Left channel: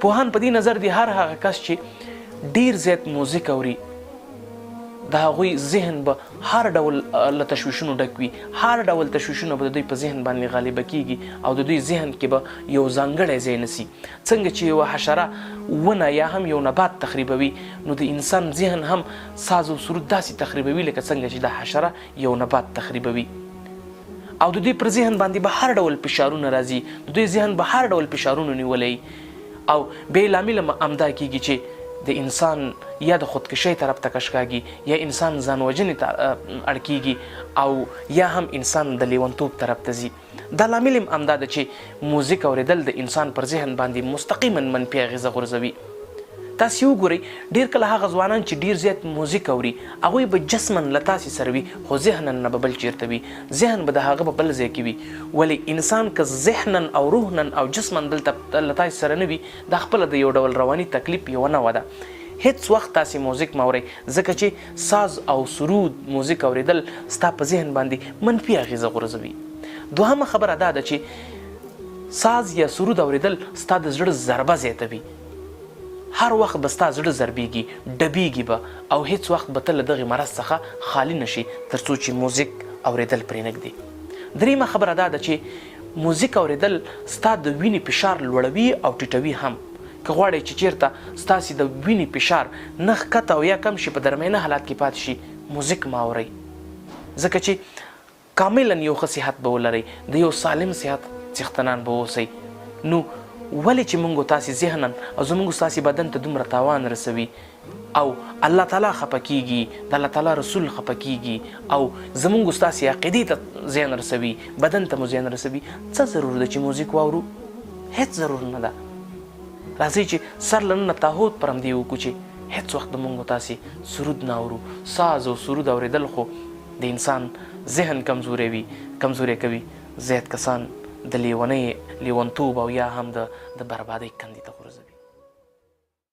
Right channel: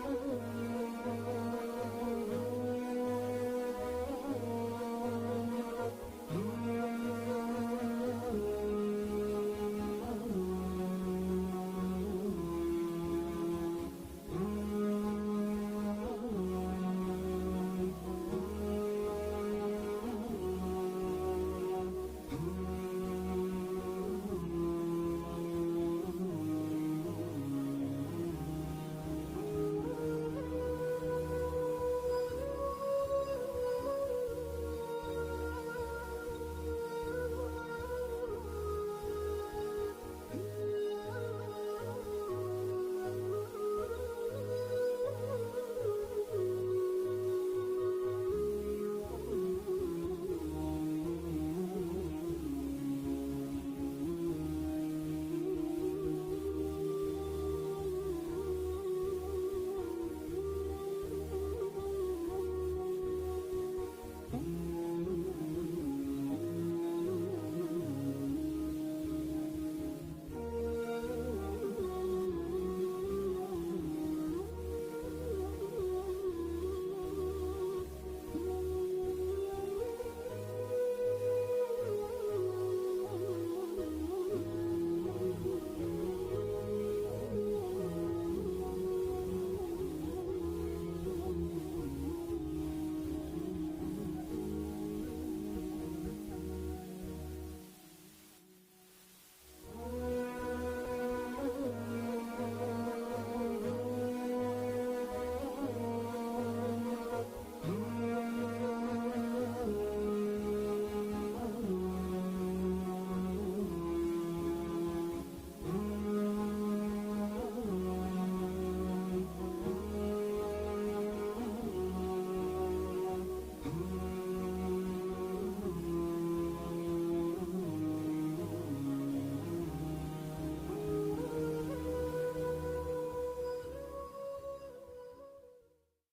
پوهان په دې نظر دي هر هغه کس چې ډیر زیات موزیک اوري د هغوی ذهن به هر ډول له تشویشونو ډک وي، هر ډول تشویشونه به د دوی په ذهن باندې غالبه کیږي او د دوی ذهن کې به یو ځانګړی ځای نسي. څنګه چې یوه حشره ونه یا هم یو نبات تخریبوي، نو د انسان ذهن هم ساز او سرود داسې تخریبوي لکه څنګه چې دا حشره یو نبات تخریبوي. او د دوی پر ذهن باندې به هر ډول فشارونه راځي، د دوی ذهن به هر ډول فشارونه نیولی او بې لامله همدا کیږي چې د انسان یا د خودکشۍ طرف ته کش کاږي، یا انسان ځان وژنې ته اړ کیږي، او یا هم انسان د لیونتوب طرف ته ځي. دا لامل هم همدا ده چې موزیک اورېدل د انسان پر ذهن باندې مستقیما منفي اغېزه غورځوي. تاسې وګورئ ډېر کله هغه ځوانان چې ډېر زیات موزیک اوري هغوی به جسما له تاسې سره وي خو ذهنا نه به بل چېرته وي، ذهن به د هغه به بل ځای کې وي. ولې انسان که ذهنا او روحنا او جسما دلته له تاسې سره نه وي دا خپله د یو ډول رواني تکلیف یوه نوعه ده. هیڅ وخت تاسې موزیک مه اورئ ځکه چې ساز او سرود موزیک اورېدل ستا په ذهن باندې منفي اغېزه غورځوي. دوهمه خبره دا ده چې ساز یا سرود اورېدل ستا د زړه ضربه زیاتوي. هر وخت به ستا زړه ضربېږي، ډبېږي به او هیڅ وخت به ته له دغې مرض څخه خالي نشي تر څو چې موزیک اورېدل پرې نږدي. درېیمه خبره دا ده چې موزیک اورېدل ستا د وینې فشار لوړوي او ټیټوي هم. که غواړئ چې چېرته ستاسې د وینې فشار نه ښکته او یا کم شي، په درمیانه حالات کې پاتې شي، موزیک مه اورئ ځکه چې کاملا یو ښه صحت به ولرئ، د یو سالم صحت څښتنان به اوسئ. نو ولې چې موږ تاسې ذهنا او زموږ ستاسې بدن ته دومره تاوان رسوي او الله تعالی خفه کیږي، د الله تعالی رسول خفه کیږي او زموږ ستاسې عقیدې ته زیان رسوي، بدن ته مو زیان رسوي، څه ضرور ده چې موزیک واورو؟ هیڅ ضرور نه ده. راځئ چې سر له ننه تاهوت پر همدې وکړو چې هیڅ وخت د موږ تاسې سرود نه اورو. ساز او سرود اورېدل خو د انسان ذهن کمزوری کوي. زیات کسان د لیونۍ، لیونتوب او یا هم د بربادۍ کندې